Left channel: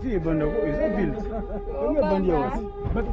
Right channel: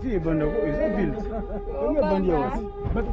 Si banda ko isa build. Yung banda was. But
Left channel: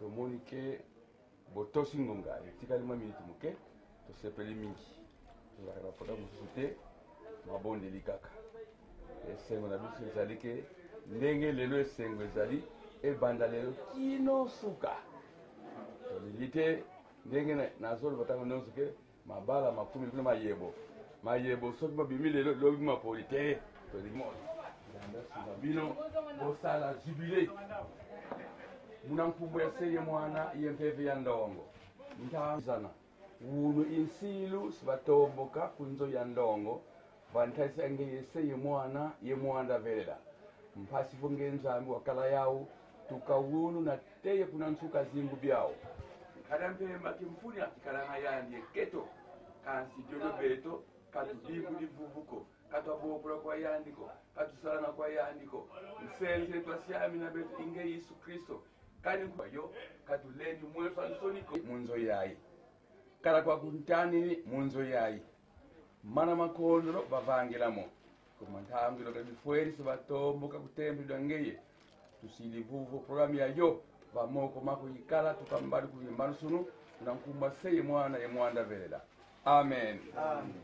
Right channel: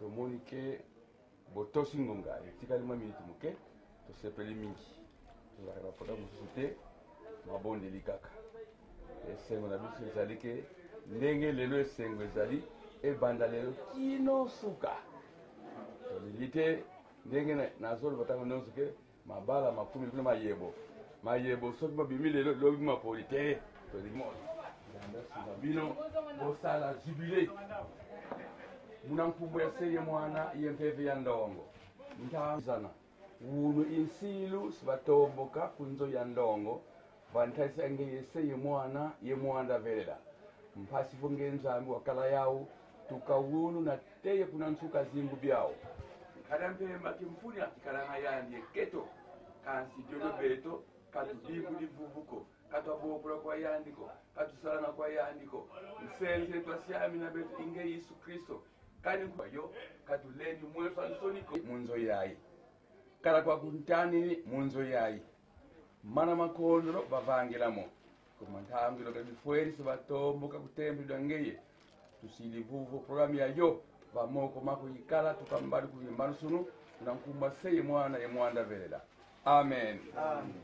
Tomonike botosingonga etikali mwa minute muke tosepeli mingi tozalaka pota mosusu te mabondeli kaka esengo na biso ezali ke ndenge lelo esengo ezali ebanda lelo kino suka toleli te ndenge nazoloba ntango nyonso ke mabala makumi kuna mayebo soki mabimi lelo lobi mapoli te tolingi moto nsima bino bosala jubile muna nkumbu ya seye mwana yempeve ya ndongo ntazana uno insilu sibatomboka kunzo ya ndongo vantaisa nge yeseye mwana ye mwanda vela mpasifu ngenzambi wakala yawo tukawunu na teye kuna nsuka zingu byao kadampemba kimfuni akikalanga yandi keto kansi dyodo beto katudiku divuvuko katwabopula kwa yandiko katusalana kwa yandiko nsense twasyami na betu inge Yesu Kristo kani kwayo katuleni mweso ansoniko munzo yayi kala kwa kuntani munzo yayi mana makondro bavangilamo kumantambilo kabifweri sibatomboka kutembelwa ngeye tusilivuvu programu yayo vamoko mako yikala tukambali kuyimbano sunu na nkumba seye mwana ye mwanda vela amen, amen.